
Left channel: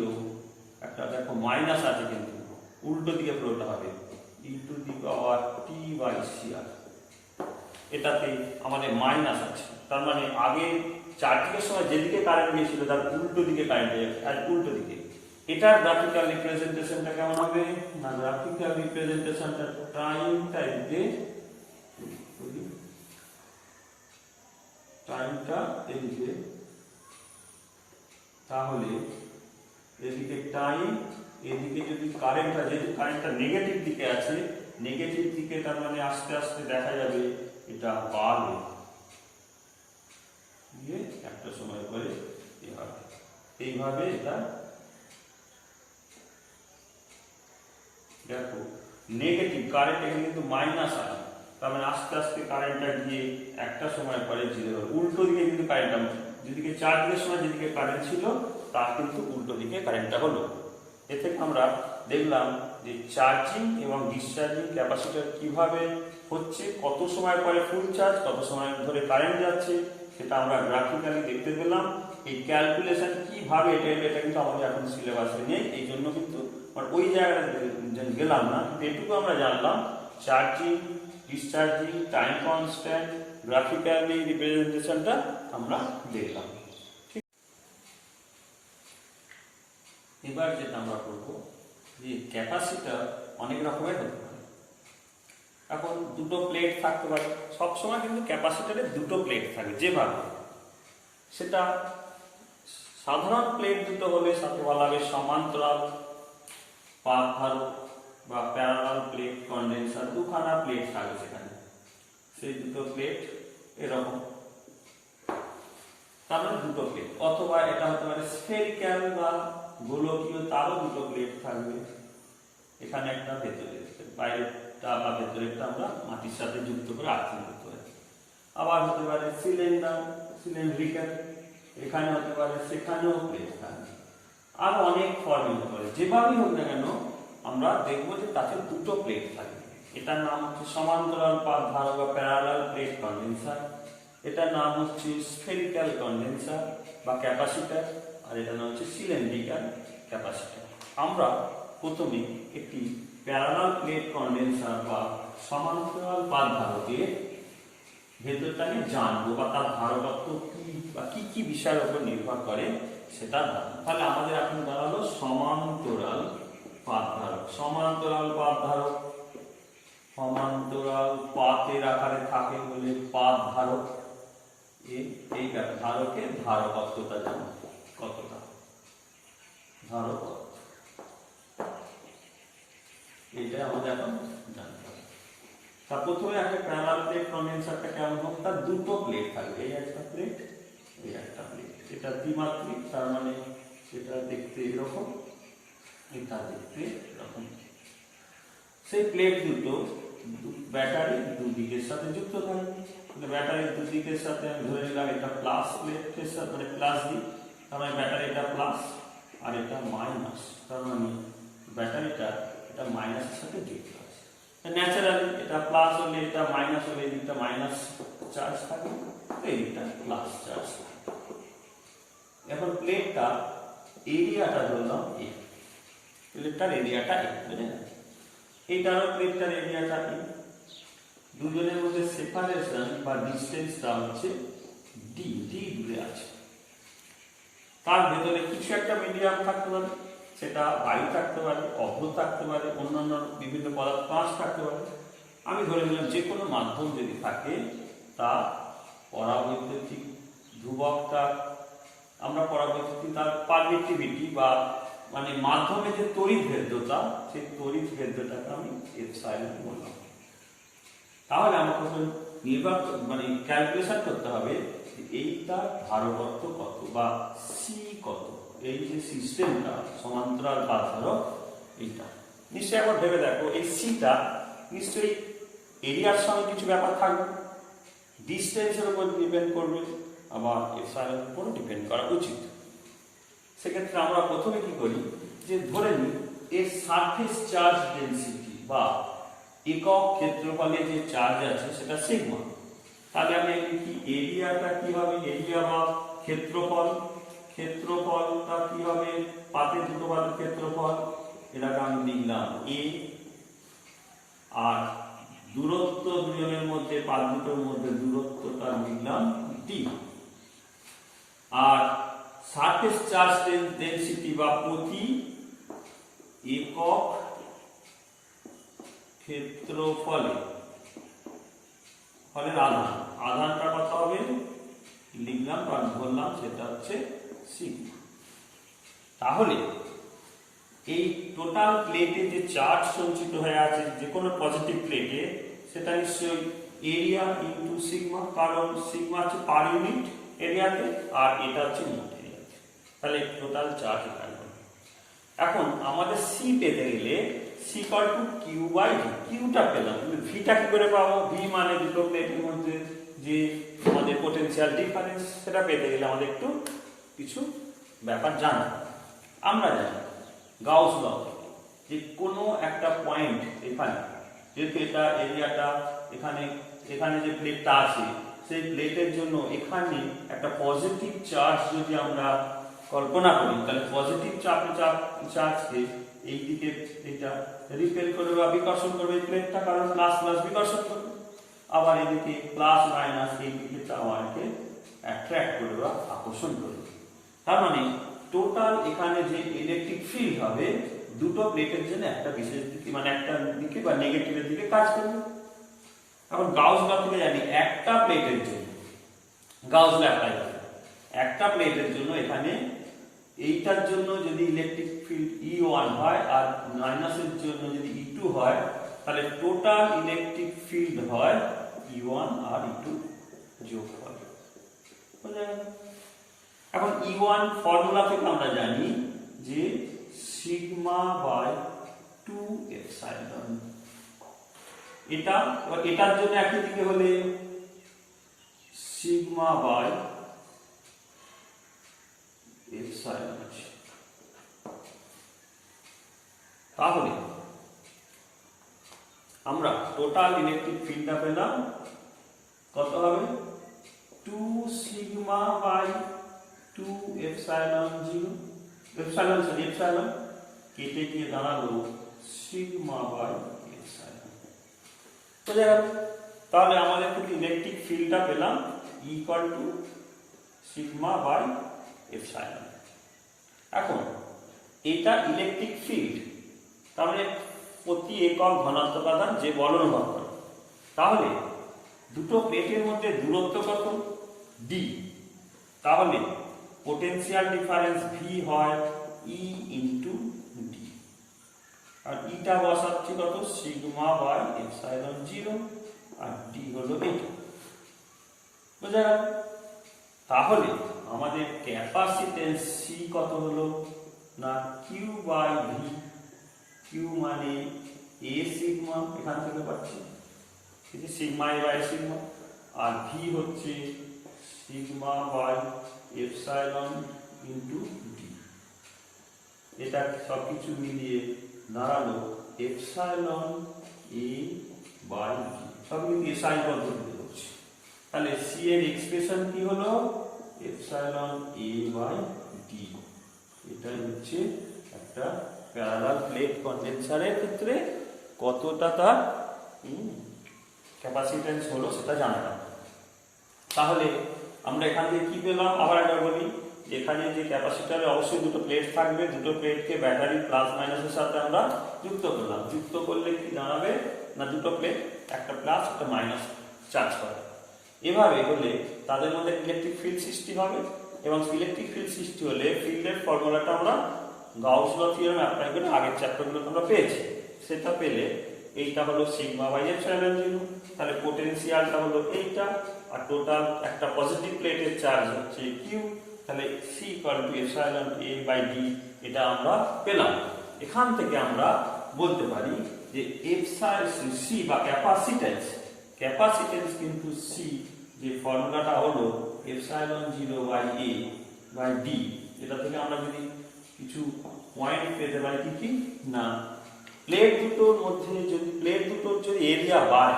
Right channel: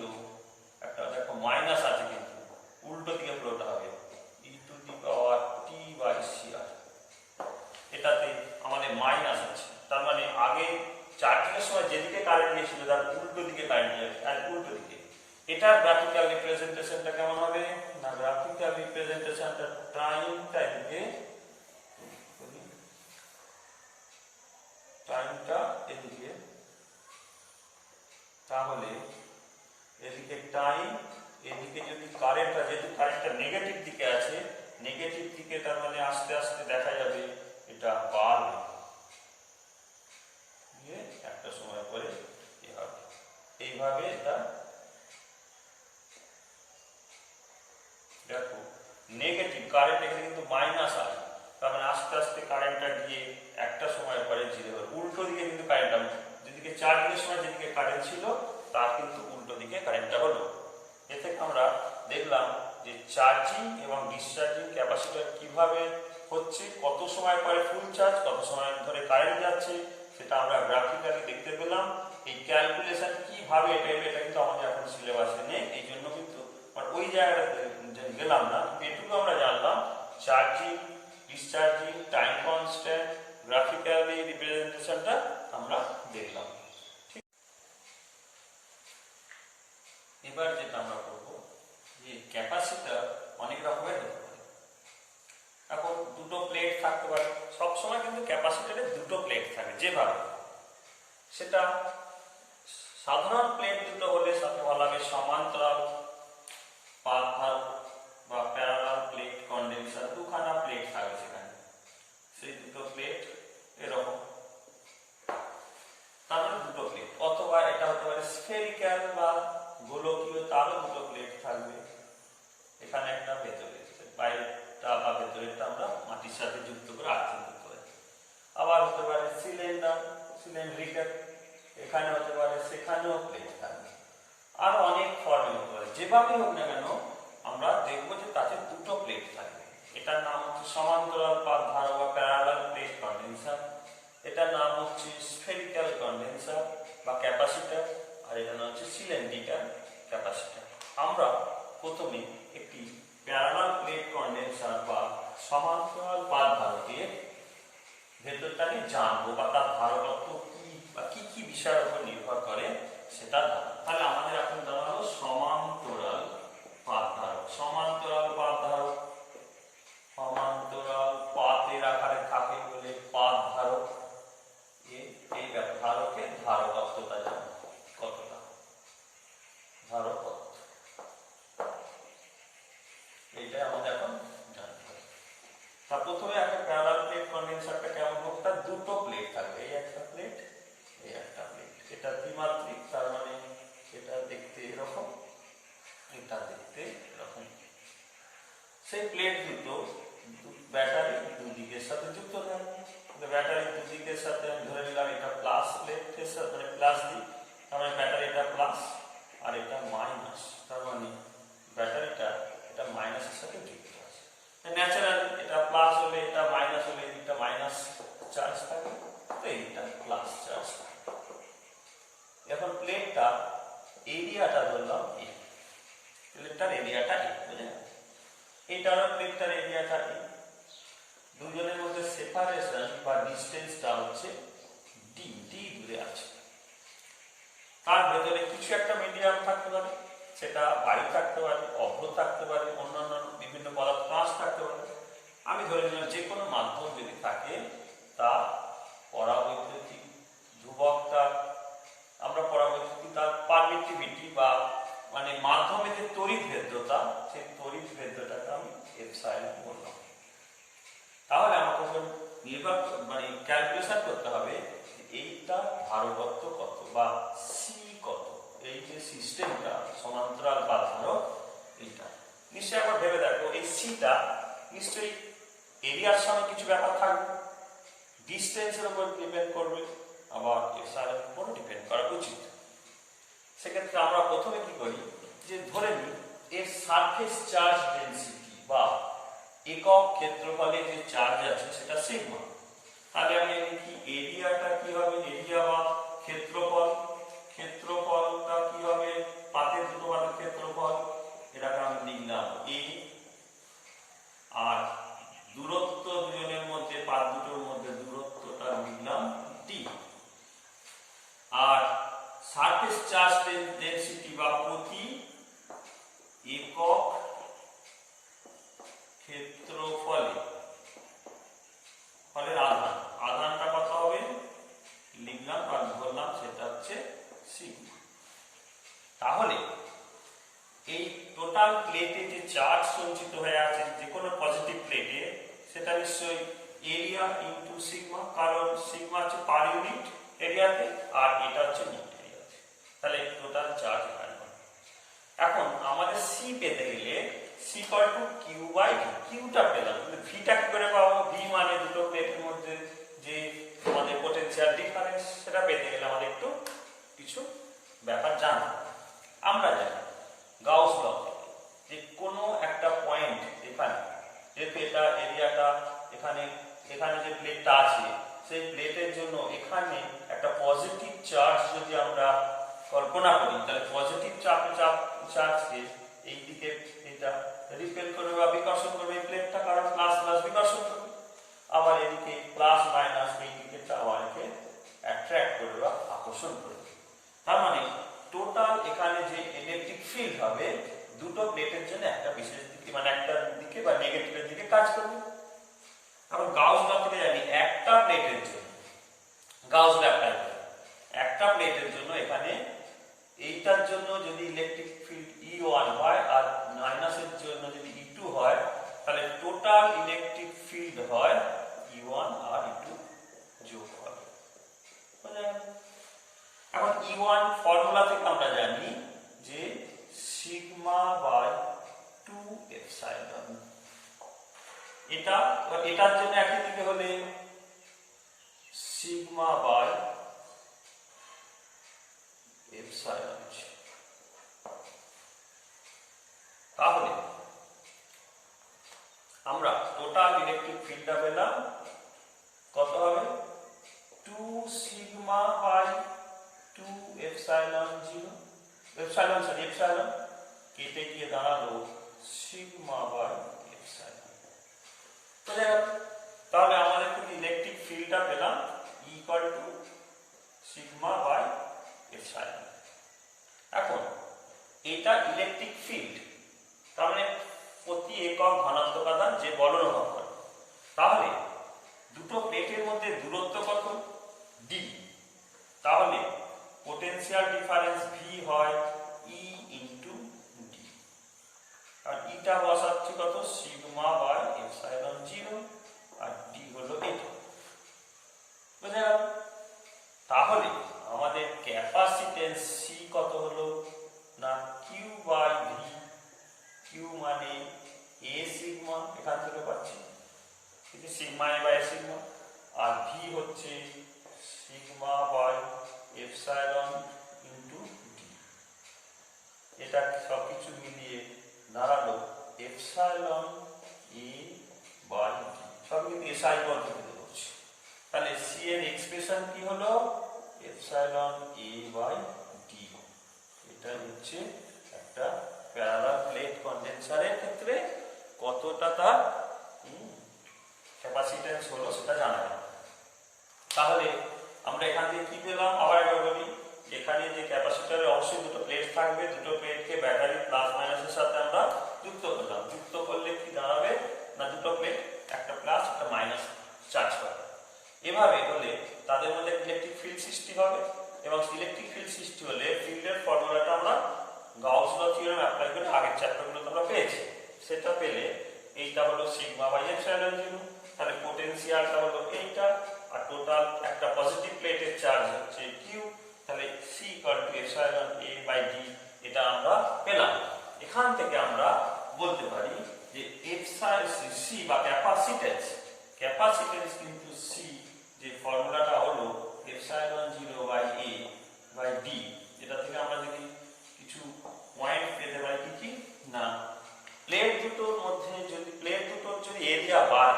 একটা দেখো মাইনাস আছে কিন্তু উল্টো দিকে ফ্লোটা হবে e to the power T by C R. এটাতে আমাদের মাইনাস আছে, তার মানে আগে চার্জিংয়ের সময় যেদিকে কারেন্ট গিয়েছিল তার উল্টো দিকে কারেন্ট যাবে, আর উল্টো দিকে। এটার গ্রাফিক্যাল রিপ্রেজেন্টেশনটা কেমন হবে না, গ্রাফিক্যাল রিপ্রেজেন্টেশনটা টাইমটা এদিকে, টাইমটা এদিকে, তাহলে এদিকে টাইম, এদিকে যদি কারেন্টটা, যেহেতু কারেন্টটা নেগেটিভ দিকে আছে, নেগেটিভ দিকে তার মানে আস্তে আস্তে দেখা যাবে এটা বাড়বে, একটা সময় এইভাবে এটা দেখো নেগেটিভ কারেন্ট, এখানে কিন্তু মাইনাস আছে, তার মানে আস্তে আস্তে কারেন্টটা গিয়ে একটা সময় পরে জিরো হবে। উল্টো দিকে কিন্তু কারেন্টটা, যেদিকে চার্জের সময় যেদিকে কারেন্ট ছিল তার কিন্তু উল্টো দিকে কারেন্টটা হলো। এ থেকে আমরা দেখলাম যে চার্জিং এবং ডিসচার্জিং ক্যাপাসিটর কিভাবে হচ্ছে, কত সময় পরে ফুল চার্জ, কত সময় ধরে কারেন্ট যাচ্ছে, সেটা আমরা গ্রাফিক্যালি দেখতে পেলাম। এই ক্যালকুলেশন কিভাবে এটা কিন্তু আমাদের এখন সিলেবাসে নেই, এই জন্য কিন্তু ওই জায়গায় গেলাম না। এটুকু আমরা জানলাম charging, discharging, time constant, graphically রিপ্রেজেন্টেশনটা আমরা দেখলাম। এবার যেটা আমরা করবো যে ক্যাপাসিটর অনেক রকমের হতে পারে। এখন দুটো প্লেট থাকতে পারে, সবসময় কিন্তু ক্যাপাসিটরে দুটো প্লেট থাকে যেভাবে, সেটা সাধারণ প্লেট দুটো হলে সাথে বলা হবে সমান্তরাল পাত ধারক বা প্যারালাল প্লেট কন্ডেন্সার, দুখানা প্লেট থাকবে সেখানে, সেই দুটো প্লেট এরকম, তার মানে দুটো প্লেট। অথবা এটা হতে পারে স্ফেরিক্যাল বা গোলকীয়, তারও দুটো প্লেট থাকবে, এখানে একটা ভেতরে, বাইরেটা বা ভেতরেরটা আমরা মাটির সাথে যুক্ত করে আর্থিং করতে পারি। আবার হতে পারে সিলিন্ড্রিক্যাল, এখানে হতে পারে, সেখানেও প্লেট থাকবে। আরো অনেক ফর্মে হতে পারে, যেভাবেই হোক না কেন আমরা দেখবো যে তাতে দুটো প্লেট থাকবে। এটার নাম হচ্ছে সমান্তরাল পাত ধারক বা প্যারালাল প্লেট কন্ডেন্সার, এটার নাম হচ্ছে স্ফেরিক্যাল কন্ডেন্সার বা ক্যাপাসিটর, আর এটার নাম হচ্ছে সিলিন্ড্রিক্যাল ক্যাপাসিটর। আমরা প্রথমে একটি প্যারালাল প্লেট কন্ডেন্সার বা সমান্তরাল পাত ধারকের ভেতরটা নিয়ে জানবো, বা তার ধারকত্ব কি বা কি কি বিষয়ের উপর নির্ভর করে সেটা জানবো। তাহলে আমাদের এখন দাঁড়ালো সমান্তরাল পাত ধারক। সমান্তরাল পাত ধারক, সমান্তরাল পাতের আকারে থাকে বলে পাত ধারক। এই ধারকের ধারকত্বটা জানবো, কতটা ধারকত্ব, এইটাই আমাদের এখন জানতে হবে। তা প্রথমে একটা প্যারালাল প্লেট কন্ডেন্সারটা কেমন হোক, তার দুটো প্লেট থাকবে, এই একটা প্লেট, এই একটা প্লেট। এটা দ্বিমাত্রিক, তার মানে এটা দেখতে এরকম, এটা দেখতে এরকম। সেই প্লেট দুটো ব্যাটারির দুদিকের সাথে যুক্ত থাকবে। ব্যাটারির দুদিকের সাথে আমি ধরে নিলাম এটা প্লাস প্লেটের সাথে, মানে প্লাস দিই, তার মানে ব্যাটারিটা প্লাস আর এটা মাইনাস, তার মানে ব্যাটারিটা এটা মাইনাসের সাথে যুক্ত আছে। ন্যাচারালি এটা প্লাস হলে এটা মাইনাস হলে এই দিকটা মাইনাস চার্জ থাকবে, এই দিকটা প্লাস চার্জ থাকবে। এখন প্লেটটা এরিয়াটা ধরলাম এ, প্লেটটার এরিয়াটা এ, বুঝলেন? এইটারও প্লেটটার এরিয়াটা এ, দুজনের মধ্যে সেপারেশন বা ডিস্টেন্সটা হচ্ছে ডি, ডি দূরে আছে। তার ভেতরে কিছু একটা মিডিয়াম থাকতে পারে, সেটা বায়ু থাকতে পারে, অভ্র থাকতে পারে, অন্যান্য বিভিন্ন পদার্থ কাঁচ থাকতে পারে। আমি ধরে নিলাম যে কোনো মাধ্যম যদি থাকে তা পরাবৈদ্যুতিক ধ্রুবকটা, আমরা পরাবৈদ্যুতিক তার পারমিটিভিটি বা মানে মাধ্যমে যে তড়িৎ ভেদ্যতা, সেই তড়িৎ ভেদ্যতাকে আমি এপসাইলন বললাম। তাহলে আমাকে নির্ভর মানে ক্যালকুলেশন করতে হবে এইটা ধারকত্ব কত বা সি কত, এই যে সিস্টেমটা সমান্তরাল পাত ধারক এইটা নিশ্চয়ই একবার ভেবে দেখো, এই সিটা নিশ্চয়ই এরিয়ার সঙ্গে কিছু ব্যাপার থাকবে, ডিস্টেন্সের উপর ডিপেন্ড করবে, আবার এপসাইলনের উপর ডিপেন্ড করা উচিত। সেক্ষেত্রে আমরা প্রথমে কি করি, যে ধরে নিই এর সারফেস চার্জ ডেনসিটি বা একক ক্ষেত্রফলে যে চার্জ আছে সেটা সিগমা। তাহলে আমি লিখি এরিয়াটা কি হবে, এরিয়া বা ক্ষেত্রফল, ক্ষেত্রফলটা কি হবে, পাতের দুটো পাতের ক্ষেত্রফল, এটাকে আমি লিখলাম এ, আর দূরত্ব দুজনের মধ্যে, পাত দুটোর মধ্যে দূরত্বটা লিখলাম ডি, আর সারফেস চার্জ ডেনসিটি বা প্রতি একক ক্ষেত্রফলে ফলের আধান, আধানটা কত হবে লিখলাম বা ধরলাম সেটা হচ্ছে সিগমা। তাহলে এই টোটাল প্লেটে যে চার্জ সঞ্চিত হয়ে আছে যে কোনো পজিটিভ প্লেটে, সেটা নিশ্চয়ই এরিয়া ইনটু সিগমা, কারণ সিগমা হচ্ছে পার ইউনিট এরিয়াতে আর এটা হচ্ছে মোট এরিয়াতে। তাহলে টোটাল চার্জ বার করব। এখন আমাদের সি পেতে গেলে C equal to Q by V, কিউটা পেলাম কিন্তু ভিটা কি করে পাবো? ভি মানে দুটো প্লেটের মধ্যে যে আমাদের পোটেনশিয়াল ডিফারেন্স, সেটা পেতে গেলে আমাদের একটু কিছু ব্যাপার জানা। আমরা জানি গাউস ল যে কোনো একটা পয়েন্ট এখানে, যেহেতু এটা এরিয়াটা এখানে, এখানে যে প্লেটটা আছে সেই প্লেটের জন্য এখানে একটা পজিটিভ চার্জ যদি আমরা কল্পনা করি, তাহলে পজিটিভ চার্জকে এই দিকে এটা রিপেল করবে বা বিকর্ষণ করবে এই প্লেটটা, কারণ প্লাস প্লাস বিকর্ষণ করবে। আবার এদিকে প্লাস মাইনাস এই দিকে চাওয়ারকে অ্যাট্রাক্ট করবে বা আকর্ষণ করবে। তার মানে টোটাল এখানে যে ইলেকট্রিক ফিল্ড হবে দুটো প্লেটের জন্য একটা বিশেষ দিকে, মানে একটা দিকে বা নেগেটিভের দিকে কাজ করবে। এখন গাউস ল থেকে জানি একটা প্লেটের জন্য গাউস ল অ্যাপ্লাই করে একটা প্লেটের জন্য এখানে এইটার জন্য যদি ইলেকট্রিক ফিল্ড E1 হয় আর মাইনাসের জন্য যদি E2 হয়, তাহলে টোটাল ইলেকট্রিক ফিল্ড হয় E1 আর E2 যোগ হয়। বুঝা গেল? এখন E1 ফর্মুলা থেকে আমরা জানি যে সিগমা বাই 2 এপসাইলন। এটার জন্য একই দিকে হলে সিগমা বাই এপসাইলন। তাহলে আমরা টোটাল ইলেকট্রিক ফিল্ডটা পেলাম কত হবে? 2 সিগমা বাই 2 এপসাইলন 0, এপসাইলন কেটে গিয়ে দাঁড়ালো সিগমা বাই এপসাইলন। বুঝা গেল? তাহলে আমাদের থেকে ইলেকট্রিক ফিল্ডটা পেলাম equal to sigma by epsilon. এখন এটা ইলেকট্রিক ফিল্ড, তাহলে প্রতি একক ঘনত্ব উপাদান যে বল অনুভব করে, তাহলে দুটো প্লেটের মধ্যে দূরত্ব কত? d। তাহলে পোটেনশিয়াল ডিফারেন্স v হয় E ইনটু d, আর ইটা বসাচ্ছি কত? সিগমা বাই এপসাইলন 0, আর d হলো এটা। বুঝা গেল? তাহলে আমাদের ক্যাপাসিটেন্স C কত হলো না Q বাই V। Q মানে A সিগমা, এখান থেকে পাচ্ছি সিগমা A বাই সিগমা, আর V হচ্ছে sigma by epsilon into D। এটা সবকিছু মিলিয়ে দাঁড়ালো এপসাইলন A বাই V, সব কিন্তু এসআই পদ্ধতিতে করছি। তাহলে C এর এক্সপ্রেশন কি হলো? Epsilon A by D। এটাই হচ্ছে একটা প্যারালাল প্লেট কন্ডেন্সারের ক্ষেত্রে কতটা তার ক্যাপাসিটেন্স হলো সেটা জানা। তাহলে আমরা এখান থেকে কি পেলাম? আবার একবার বলি, এখানে যে ক্যাপাসিটরে অবশ্যই দুটো প্লেট থাকবে, দুটো প্লেটকে ব্যাটারি প্লাস মাইনাসের সাথে আমরা যুক্ত করলাম। যুক্ত করলে কি দাঁড়াবে না দুটো প্লেট একটা প্লাস একটা মাইনাস চার্জ করে। এভাবে হলে তাদের মধ্যে ইলেকট্রিক ফিল্ড সৃষ্টি হবে, এবং ইলেকট্রিক ফিল্ড সৃষ্টি হলে ফিল্ডের ফর্মুলাটা আমরা গাউস ল থিওরেম অ্যাপ্লাই করে আগের চ্যাপ্টারগুলোতে আমরা পেয়েছি। সেটা পেলে এইটা হলো সিগমা বাই এপসাইলন 0, তাহলে পোটেনশিয়ালটা হলো এইটা, আর টোটাল একটা পজিটিভ প্লেটের চার্জ হচ্ছে Q, তাহলে C equal to epsilon A by D। এটা আমরা পেলাম। এখান থেকে আমরা বলতে পারি যে এপসাইলন C বা ক্যাপাসিটেন্স কিন্তু C যে ফর্মুলাটা হলো epsilon 0 by A by D। এটা থেকে আমরা যদি কিছু পয়েন্ট পেতে পারি কি কি না, প্লেট দুটোর মধ্যে যদি প্লেট দুটোর যদি এরিয়া বাড়ে,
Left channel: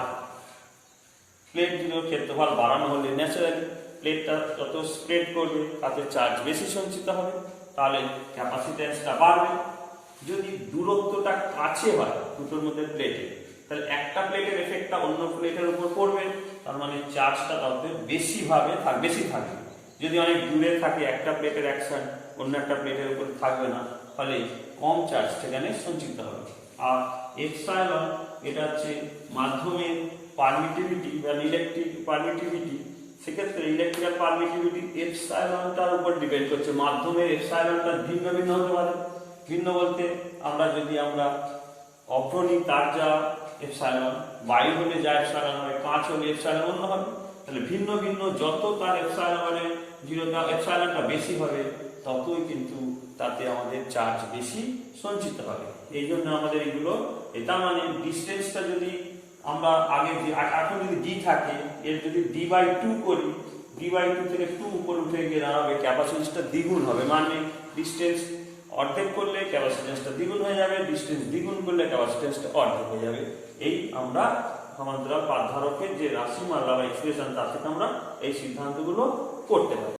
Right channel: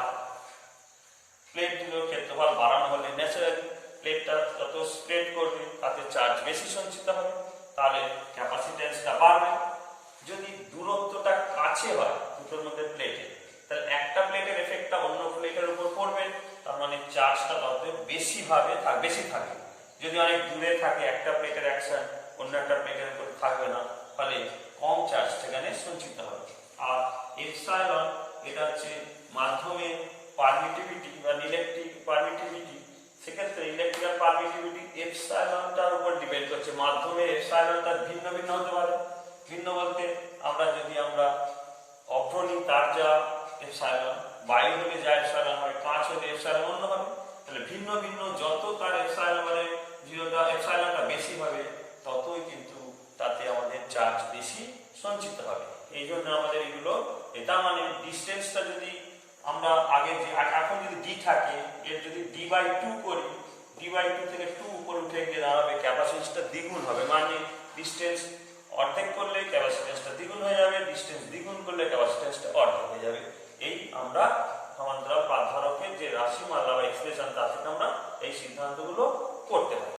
প্লেট দুটোর ক্ষেত্রফল বাড়ানো হলে ন্যাচারালি প্লেটটা যত স্প্রেড করবে তাতে চার্জ বেশি সঞ্চিত হবে, তাহলে ক্যাপাসিটেন্সটা বাড়বে। যদি দূরত্বটা কাছে হয় দুটোর মধ্যে প্লেটে, তাহলে একটা প্লেটের এফেক্টটা অন্য প্লেটের উপর পড়বে, তার মানে চার্জটা তত বেশি থাকবে। যদি অনেক দূরে থাকে একটা প্লেটের অ্যাকশন অন্য একটা প্লেটের উপর থাকবে না, ফলে কম চার্জ সেখানে সঞ্চিত হবে। আর এপসাইলন এটা হচ্ছে মাধ্যমের পারমিটিভিটি বা ইলেকট্রিক পারমিটিভিটি। সেক্ষেত্রে ইলেকট্রিক্যাল পারমিটিভিটি এপসাইলনটার উপর ডিপেন্ড করছে। মাধ্যমের এপসাইলনটা ভিন্ন ভিন্ন হতে পারে। ভিন্ন বলতে আমরা অভ্রণী তার যা এপসাইলন, বাইর হলে যা এপসাইলন হবে, কাঁচ হলে এপসাইলন অন্য হবে। তাহলে ভিন্ন ভিন্ন যত তার এপসাইলনটা বেশি হবে ততই কিন্তু তাতে আমাদের চার্জ বেশি সঞ্চিত হবে। এই জন্য আমাদের এগুলো, এটা মানে ডিস্টেন্সটা যদি আমরা আগে যে এখন যদি ডি থাকে, এর যদি d/2 করি, d/2 থেকে 2 উপরে উঠে গিয়ে দাঁড়াবে, ক্যাপাসিটেন্সটা দ্বিগুণ হবে। মানে ডিস্টেন্স অর্ধেক করলে ক্যাপাসিটেন্সটা দ্বিগুণ হয়ে যাবে, ডিস্টেন্স দ্বিগুণ করলে ক্যাপাসিটেন্সটা অর্ধেক হয়ে যাবে। এই আমরা সমান্তরাল পাত ধারকের যে রাশিমালা বা এক্সপ্রেশন, তা থেকে আমরা এই সিদ্ধান্তগুলো করতে পারি।